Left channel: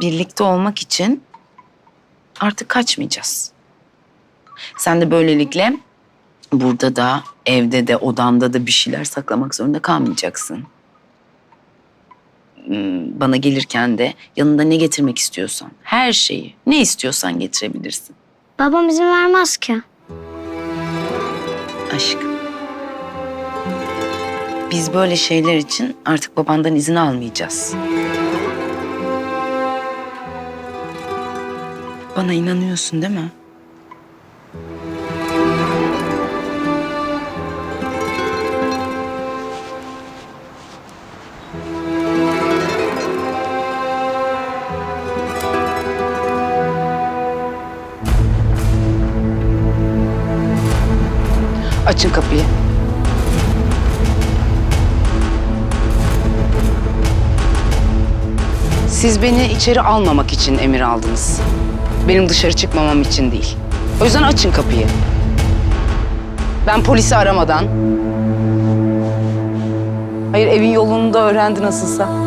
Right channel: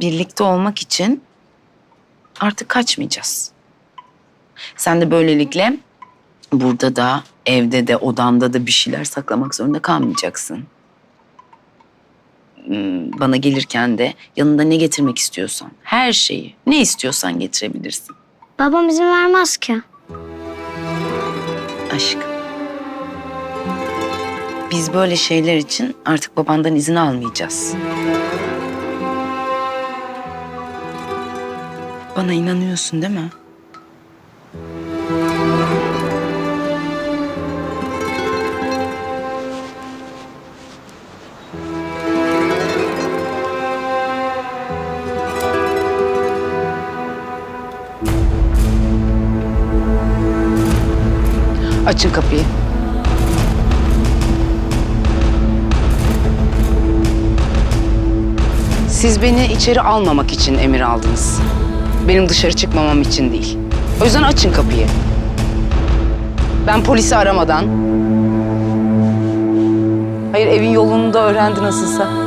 birlikte olmak için artık kaçmayacağız. Sen de böylelikle burada da, evde de, odanda da bir şeyler saklamak zorunda kalmayacaksın. Hmm, Bana gelirken de yanında ne getirmek istiyorsan, her şeyi, ne istiyorsan getirebilirsin. Babam izin vermez ki. Aşkım. Biz böyle şeyler için artık babandan izin almayacağız. Bana inanıyorsun değil mi? Açın kapıyı. Siz beni içeri almamak için emir aldınız. Benim dışarı çıkmamam için değil. O yüzden açın kapıyı. Ben polisi aramadan... Hayır evin yolunu da öğrendi nasılsa.